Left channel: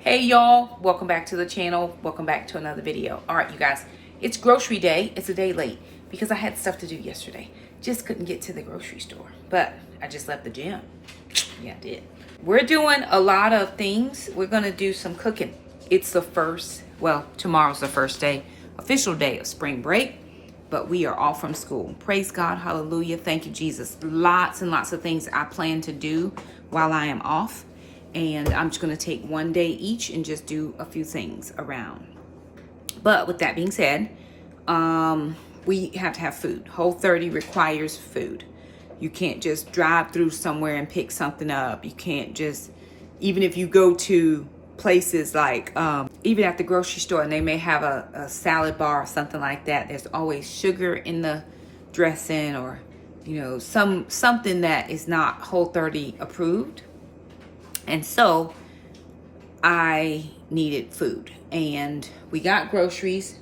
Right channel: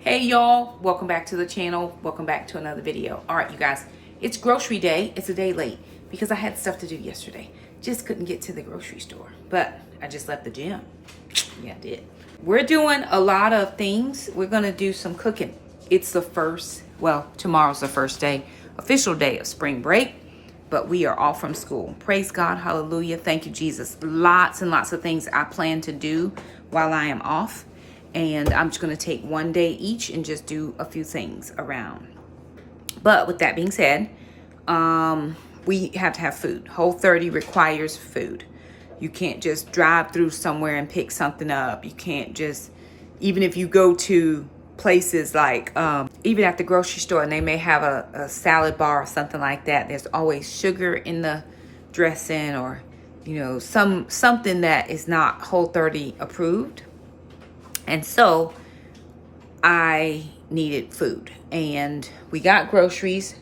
Hey y'all, welcome back to the channel. Welcome back to another video. All right, you guys, it's grocery day. It's a day late because I had stuff to do yesterday. Just couldn't get to the grocery store, but I just left the gym. Yeah, I did. We're doing a lot of things. We're gonna do some cooking. It's the first, well, tomorrow's the first day, official day of spring break, but we are all from school. Praise God, hallelujah. Thank you, Jesus. Lots and lots of things I plan to do while I am off. And I'm just going to take one day each and just do a few things around. But with that being said, we have to have food. Whole30 requires food. You can't just drive through somewhere and pick something up. You can't just, even if you go to places like, even at the grocery store and they may have a salad bar or something like that, there's always sugar in the dressing or, you know, something that is not Whole30 approved. And so I needed food and we got groceries.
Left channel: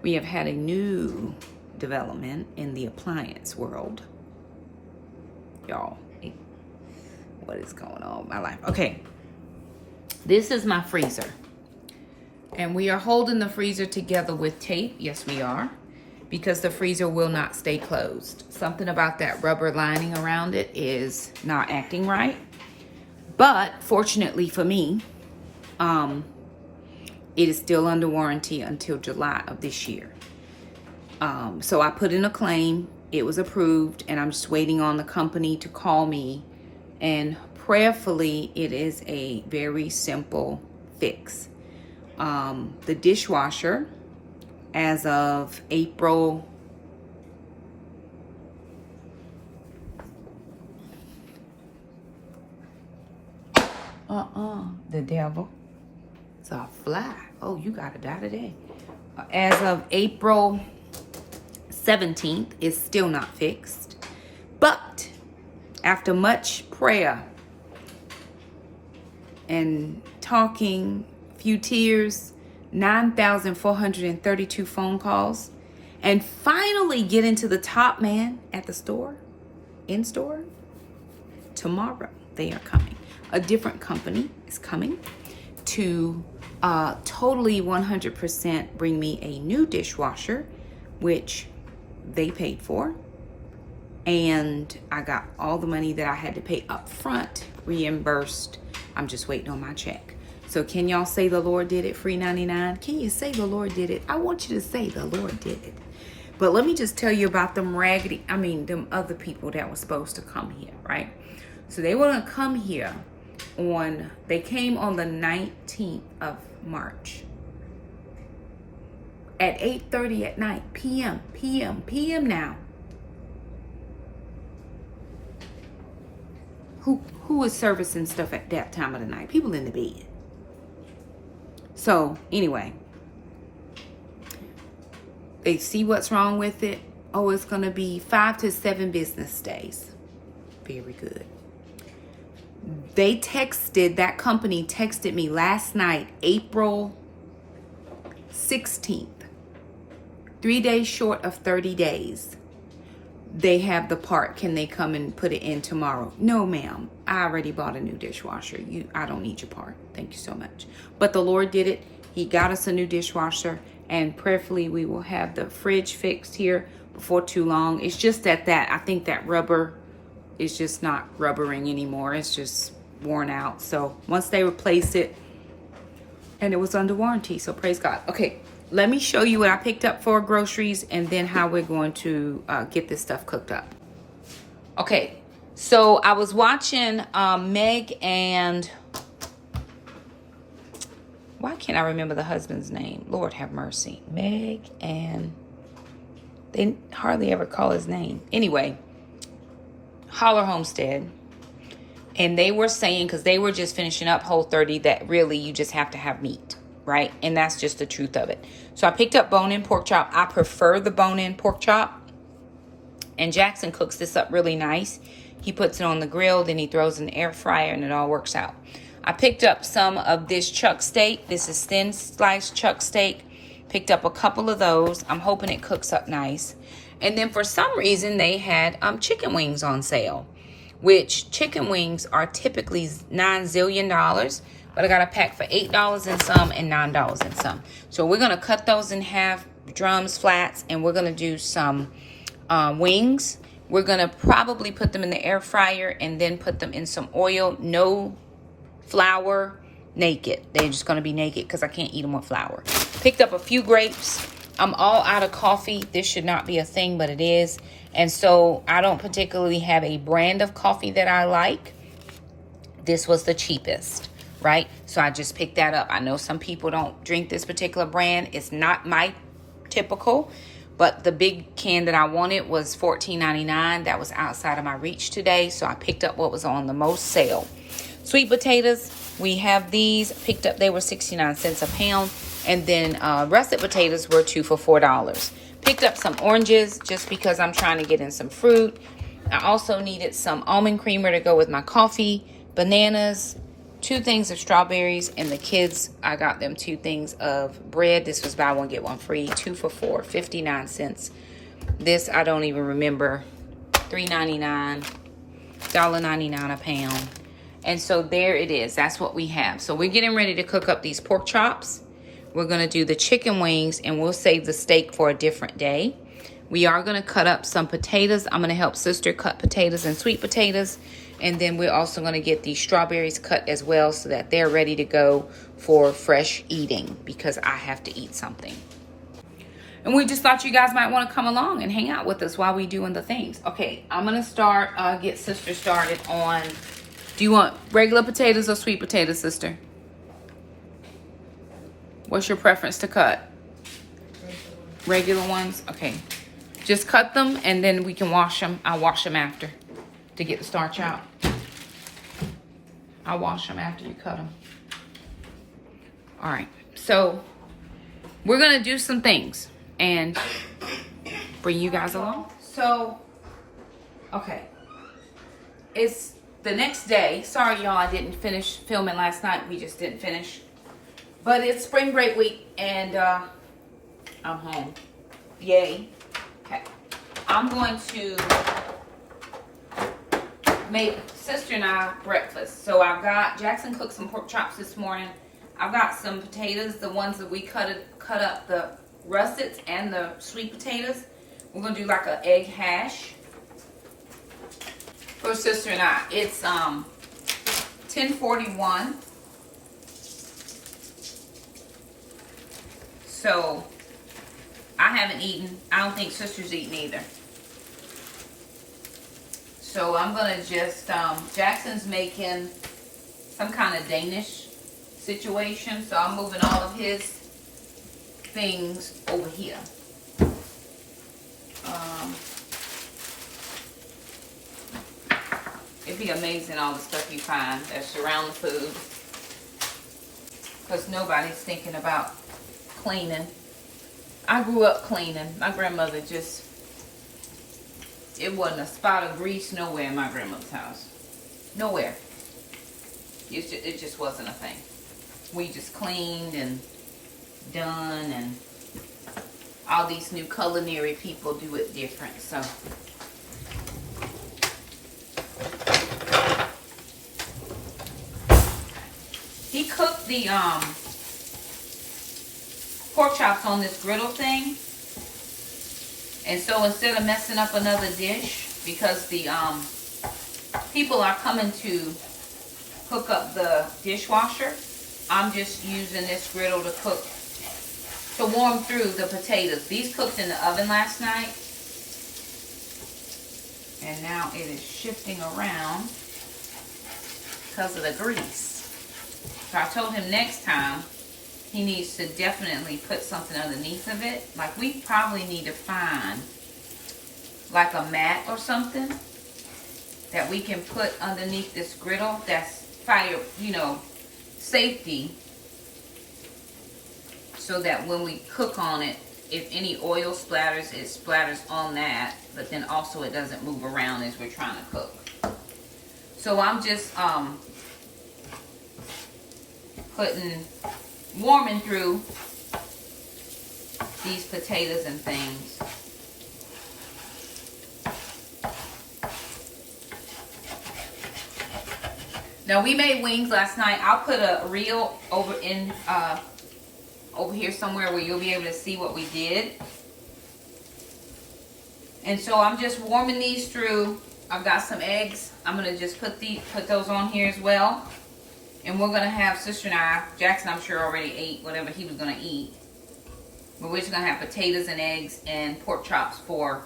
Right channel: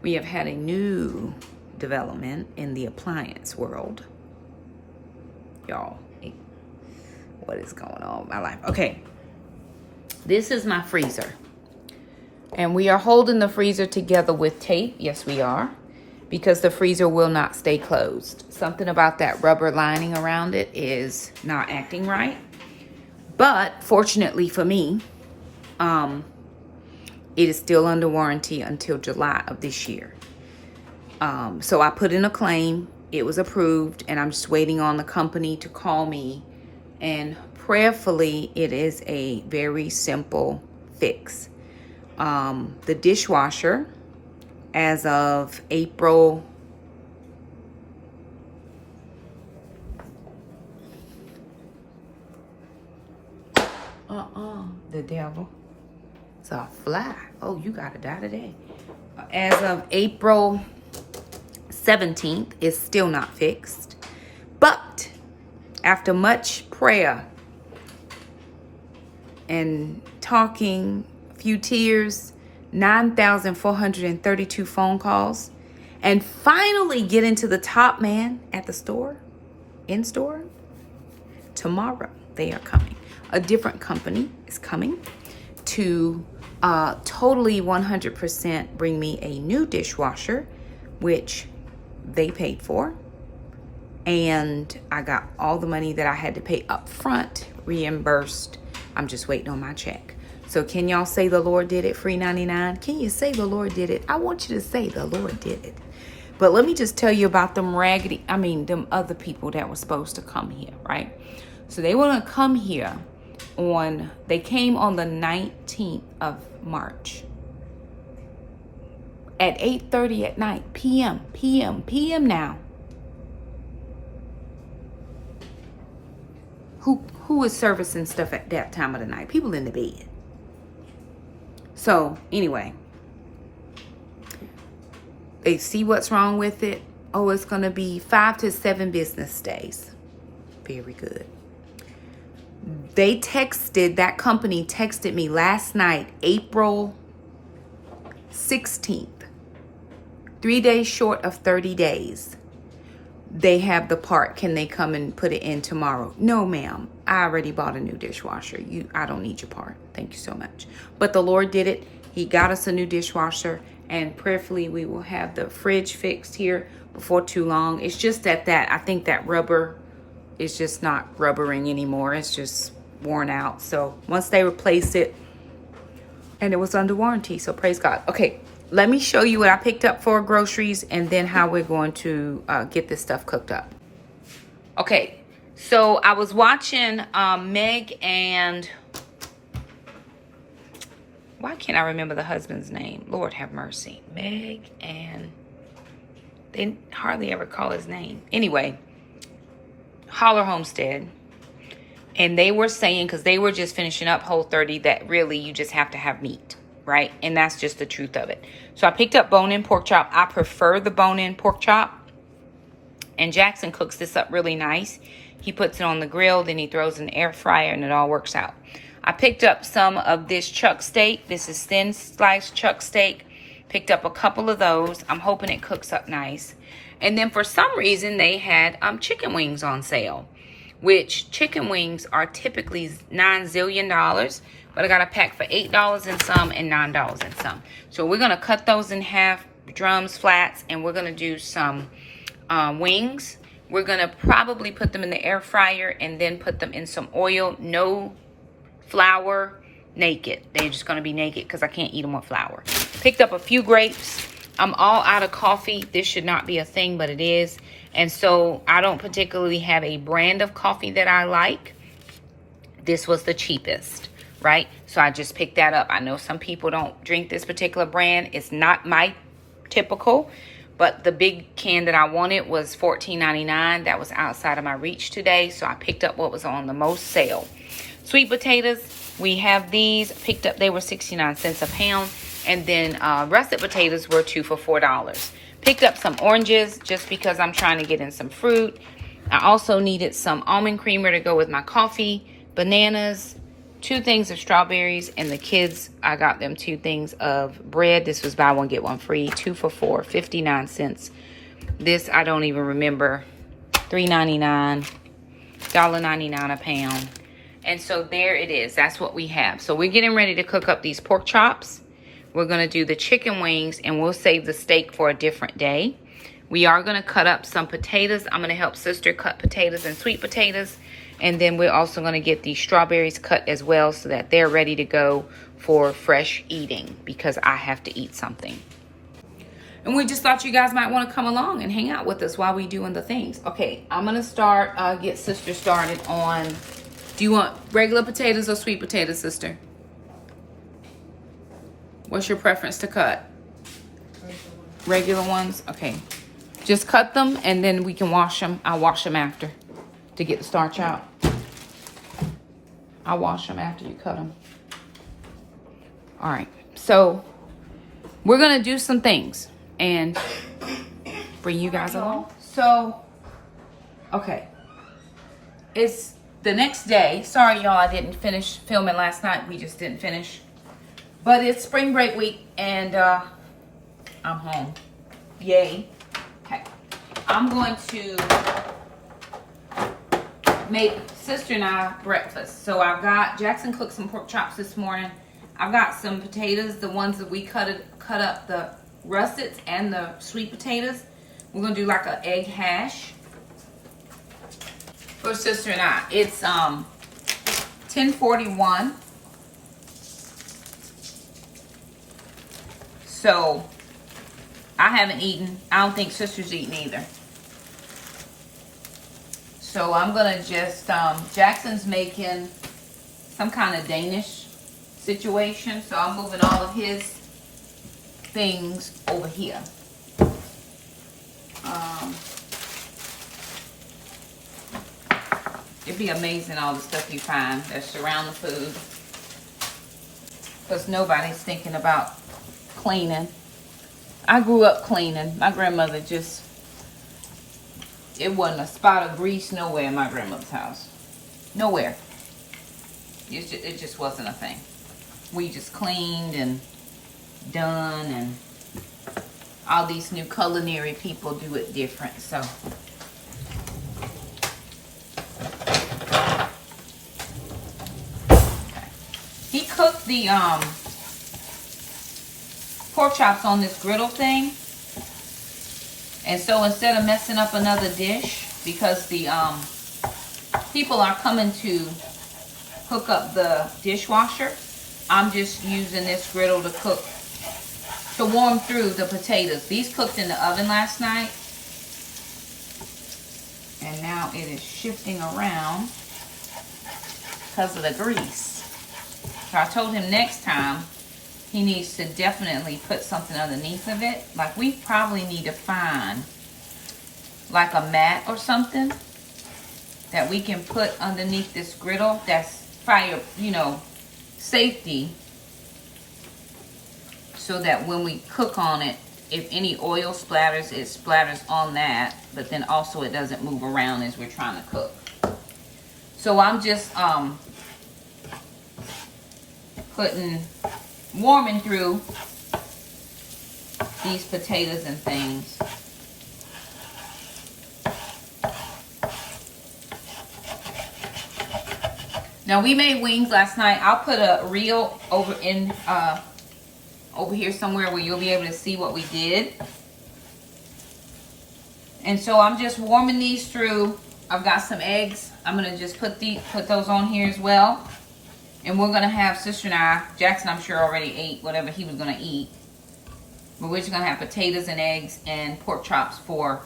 We have had a new development in the appliance world. Y'all, what is going on in my life? Okay, this is my freezer. And we are holding the freezer together with tape. Yes, we are. Because the freezer will not stay closed. Something about that rubber lining around it is not acting right. But fortunately for me, it is still under warranty until July of this year. So I put in a claim. It was approved, and I'm just waiting on the company to call me. And prayerfully, it is a very simple fix. The dishwasher, as of April the devil. It's a fly. Oh, you gotta die today. As of April 17th, it's still not fixed. But after much prayer and talking, a few tears, 9,432 phone calls, and finally getting to the top man at the store, in store, tomorrow they are coming. A different company is coming to totally 100% bring me a new dishwasher, which they paid for. And I got all the money that I had to pay up front reimbursed. I'm just waiting on my check. So can y'all say the Lord did it? Free 99. Can you say the Lord did it? I want you to say the Lord did it. But let me just tell you about them them other people that were supposed to come here, right? So they were gonna come here they came on the 19th of March at 8:30 at night, PM now. Who is servicing stuff at that time of the night? People in the bed. So anyway, they see what's wrong with it. Oh, it's going to be 5 to 7 business days. Very good. That company texted me last night, April 16th. 3 days short of 30 days. They have the part. Can they come and put it in tomorrow? No, ma'am. I already bought a new dishwasher. I don't need your part. Thank you so much. But the Lord did it. He got us a new dishwasher. And prayerfully, we will have the fridge fixed here before too long. It's just that I think that rubber is just not rubbering anymore. It's just worn out. So once they replace it, and it was under warranty. So praise God. Okay. Let me show you what I picked up for groceries and then how we're going to get this stuff cooked up. Okay, so I was watching Meg and... Why can't I remember the husband's name? Lord have mercy. Meg and... They hardly ever call his name. Anyway, Holler Homestead. And they were saying, because they were just finishing up Whole30, that really you just have to have meat, right? And that's just the truth of it. So I picked up bone-in pork chop. I prefer the bone-in pork chop. And Jackson cooks this up really nice. He puts it on the grill, then he throws it in the air fryer, and it all works out. I picked up some of this chuck steak. This is thin sliced chuck steak. Picked up a couple of those. I'm hoping it cooks up nice. And then for some reason, they had chicken wings on sale, which chicken wings are typically $9 zillion. but I got a pack for $8 and some and $9 and some. So we're gonna cut those in half, drums, flats, and we're gonna do some wings. We're gonna probably put them in the air fryer and then put them in some oil. No flour, naked. They're just gonna be naked because I can't eat them with flour. Picked up a few grapes. I'm all out of coffee. This should not be a thing, but it is. And so I don't particularly have a brand of coffee that I like. This was the cheapest, right? So I just picked that up. I know some people don't drink this particular brand. It's not my typical, but the big can that I wanted was $14.99. That was outside of my reach today, so I picked up what was on the most sale. Sweet potatoes, we have these. Picked up, they were 69 cents a pound. And then russet potatoes were 2 for $4. Picked up some oranges just because I'm trying to get in some fruit. I also needed some almond creamer to go with my coffee, bananas, 2 things of strawberries, and the kids, I got them 2 things of bread. This was buy one, get one free, 2 for $4, 59 cents. This, I don't even remember, $3.99, $1.99 a pound. And so there it is. That's what we have. So we're getting ready to cook up these pork chops. We're going to do the chicken wings, and we'll save the steak for a different day. We are going to cut up some potatoes. I'm going to help sister cut potatoes and sweet potatoes. And then we're also going to get these strawberries cut as well so that they're ready to go for fresh eating because I have to eat something. And we just thought you guys might want to come along and hang out with us while we doing the things. Okay, I'm going to start, get sister started on, do you want regular potatoes or sweet potatoes, sister? What's your preference to cut? Regular ones? Okay. Just cut them and then we can wash them. I'll wash them after to get the starch out. I'll wash them after you cut them. All right. So we're going to do some things and bring you guys along. So, okay. It's the next day. Sorry, y'all, I didn't finish filming last night. We just didn't finish. But it's spring break week, and I'm home. Yay. Okay. I'm going to make sister and I breakfast. So I've got, Jackson cooked some pork chops this morning. I've got some potatoes, the ones that we cut up, the russets and the sweet potatoes. We're going to do like an egg hash for sister and I. It's 10:41. So, I haven't eaten. I don't think sister's eaten either. So, I'm going to just, Jackson's making some kind of Danish situation. So, I'm moving all of his things over here. It'd be amazing all the stuff you find that surround the food. Because nobody's thinking about cleaning. I grew up cleaning. My grandmother just, it wasn't a spot of grease nowhere in my grandmother's house. Nowhere. It just wasn't a thing. We just cleaned and done, and all these new culinary people do it different. So he cooked the pork chops on this griddle thing, and so instead of messing up another dish, because the people are coming to hook up the dishwasher, I'm just using this griddle to cook, to warm through the potatoes. These cooked in the oven last night, and now it is shifting around because of the grease. So I told him next time he needs to definitely put something underneath of it. Like, we probably need to find like a mat or something that we can put underneath this griddle that's fire, you know, safety, so that when we cook on it, if any oil splatters, it splatters on that, but then also it doesn't move around as we're trying to cook. So I'm just warming through these potatoes and things. Now we made wings last night. I'll put a reel over here somewhere where you'll be able to see what we did. And so I'm just warming these through. I've got some eggs. I'm gonna just put those on here as well. And we're gonna have Sister and I, Jackson I'm sure already ate whatever he was gonna eat. But we're just gonna have potatoes and eggs and pork chops for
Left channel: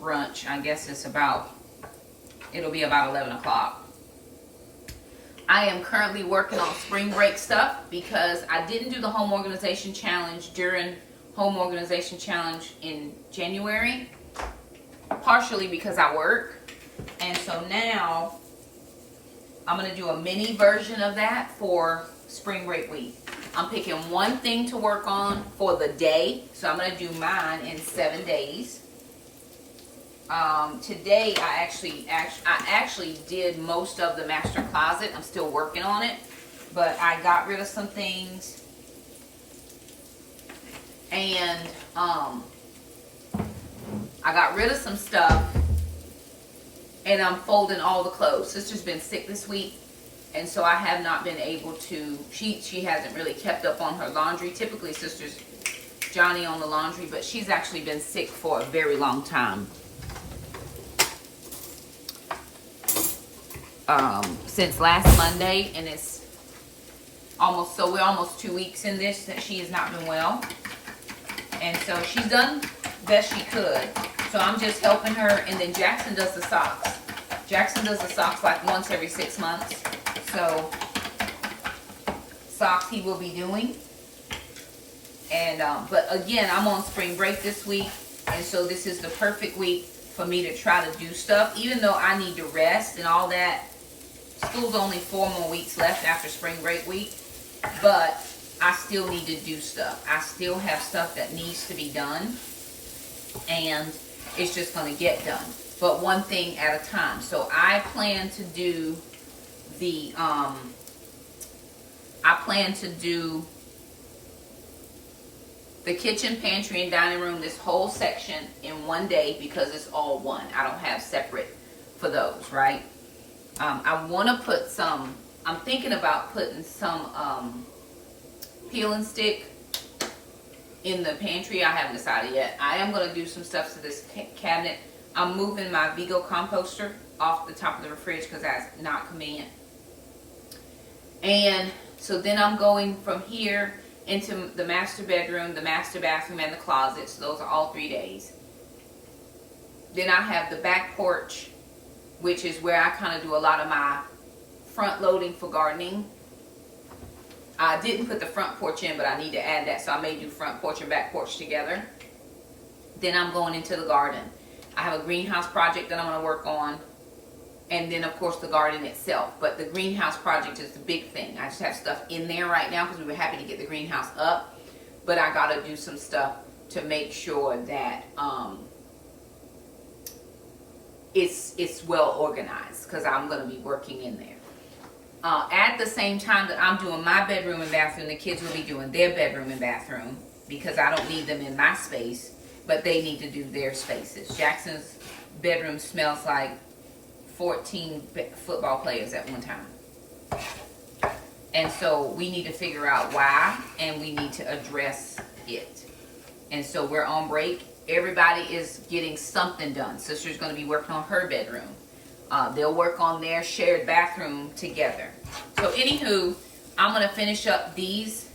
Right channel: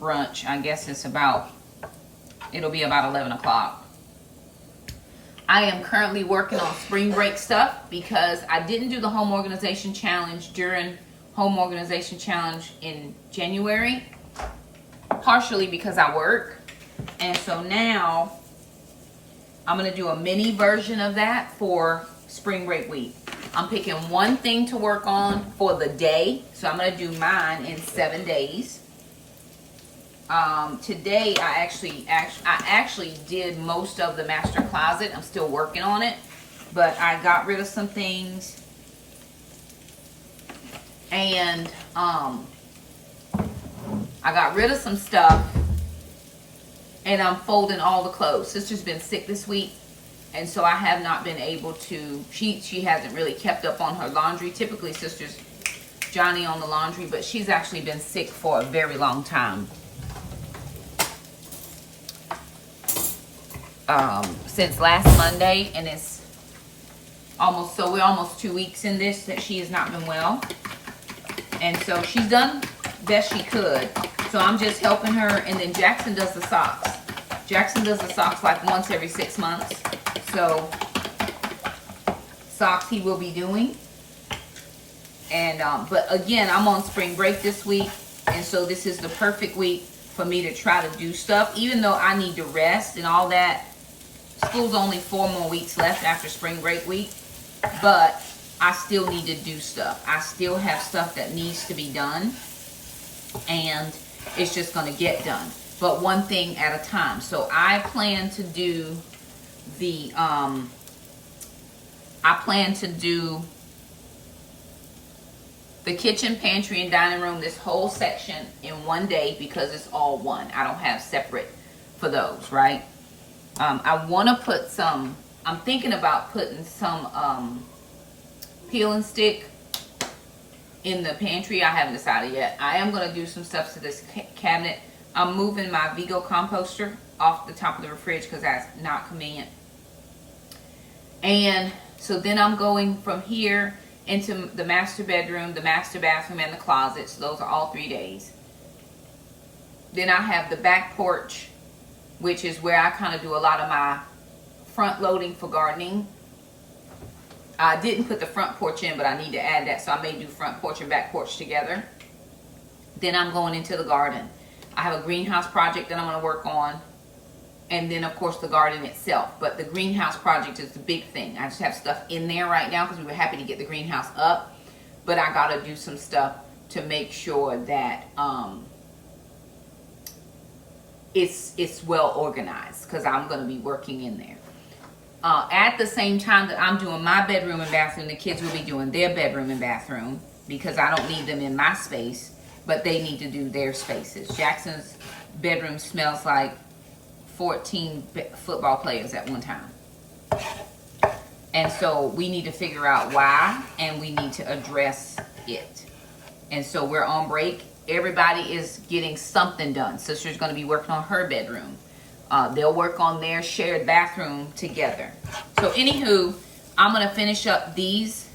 brunch. I guess it'll be about 11 o'clock. I am currently working on spring break stuff because I didn't do the home organization challenge during home organization challenge in January, partially because I work. And so now I'm going to do a mini version of that for spring break week. I'm picking one thing to work on for the day. So I'm going to do mine in 7 days. Today I actually did most of the master closet. I'm still working on it, but I got rid of some things. And I got rid of some stuff, and I'm folding all the clothes. Sister's been sick this week, and so I have not been able to, she hasn't really kept up on her laundry. Typically Sister's Johnny on the laundry, but she's actually been sick for a very long time. Since last Monday, and it's we're almost 2 weeks in this that she has not been well. And so she's done best she could. So I'm just helping her. And then Jackson does the socks. Jackson does the socks like once every 6 months. So socks he will be doing. And but again, I'm on spring break this week. And so this is the perfect week for me to try to do stuff. Even though I need to rest and all that. School's only 4 more weeks left after spring break week. But I still need to do stuff. I still have stuff that needs to be done, and it's just going to get done. But one thing at a time. So I plan to do the kitchen, pantry, and dining room, this whole section in one day because it's all one. I don't have separate for those, right? I want to put some, I'm thinking about putting some peel and stick in the pantry. I haven't decided yet. I am going to do some stuff to this cabinet. I'm moving my Vigo composter off the top of the fridge because that's not convenient. And so then I'm going from here into the master bedroom, the master bathroom, and the closet. So those are all 3 days. Then I have the back porch, which is where I kind of do a lot of my front loading for gardening. I didn't put the front porch in, but I need to add that, so I may do front porch and back porch together. Then I'm going into the garden. I have a greenhouse project that I'm going to work on, and then of course the garden itself. But the greenhouse project is the big thing. I just have stuff in there right now because we were happy to get the greenhouse up, but I got to do some stuff to make sure that it's well organized because I'm going to be working in there. At the same time that I'm doing my bedroom and bathroom, the kids will be doing their bedroom and bathroom because I don't need them in my space, but they need to do their spaces. Jackson's bedroom smells like 14 football players at one time. And so we need to figure out why, and we need to address it. And so we're on break. Everybody is getting something done. Sister's going to be working on her bedroom. They'll work on their shared bathroom together. So anywho, I'm going to finish up these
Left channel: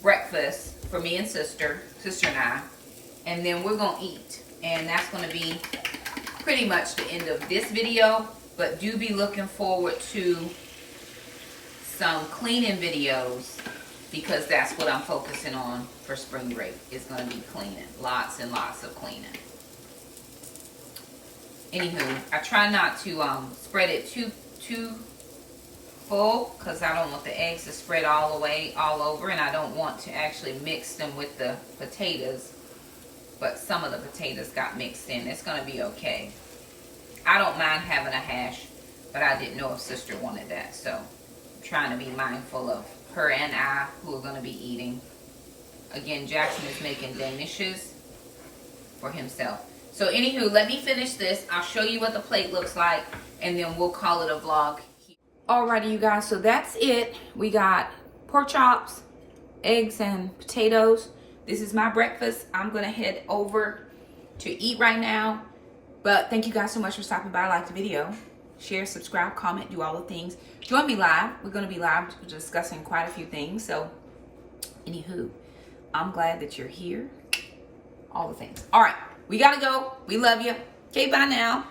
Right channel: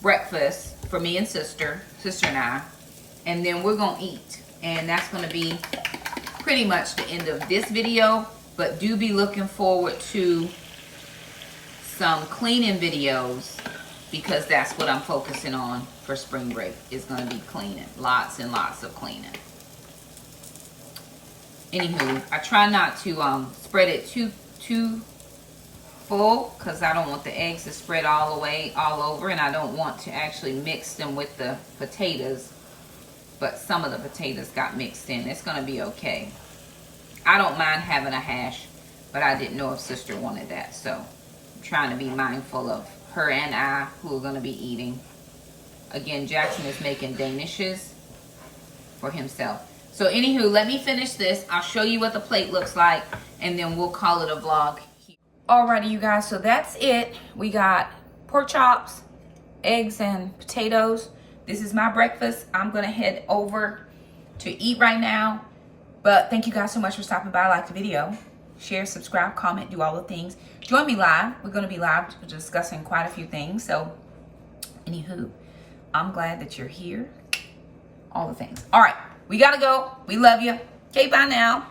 breakfasts for me and sister and I, and then we're going to eat. And that's going to be pretty much the end of this video, but do be looking forward to some cleaning videos because that's what I'm focusing on for spring break. Is going to be cleaning. Lots and lots of cleaning. Anywho, I try not to spread it too full because I don't want the eggs to spread all the way all over, and I don't want to actually mix them with the potatoes. But some of the potatoes got mixed in. It's going to be okay. I don't mind having a hash, but I didn't know if sister wanted that, so I'm trying to be mindful of her and I who are going to be eating. Again, Jackson is making dishes for himself. So anywho, let me finish this. I'll show you what the plate looks like, and then we'll call it a vlog. Alrighty, you guys, so that's it. We got pork chops, eggs, and potatoes. This is my breakfast. I'm gonna head over to eat right now. But thank you guys so much for stopping by. Like the video, share, subscribe, comment, do all the things. Join me live. We're gonna be live discussing quite a few things. So, anywho, I'm glad that you're here. All the things. All right, we gotta go. We love you. Okay, bye now.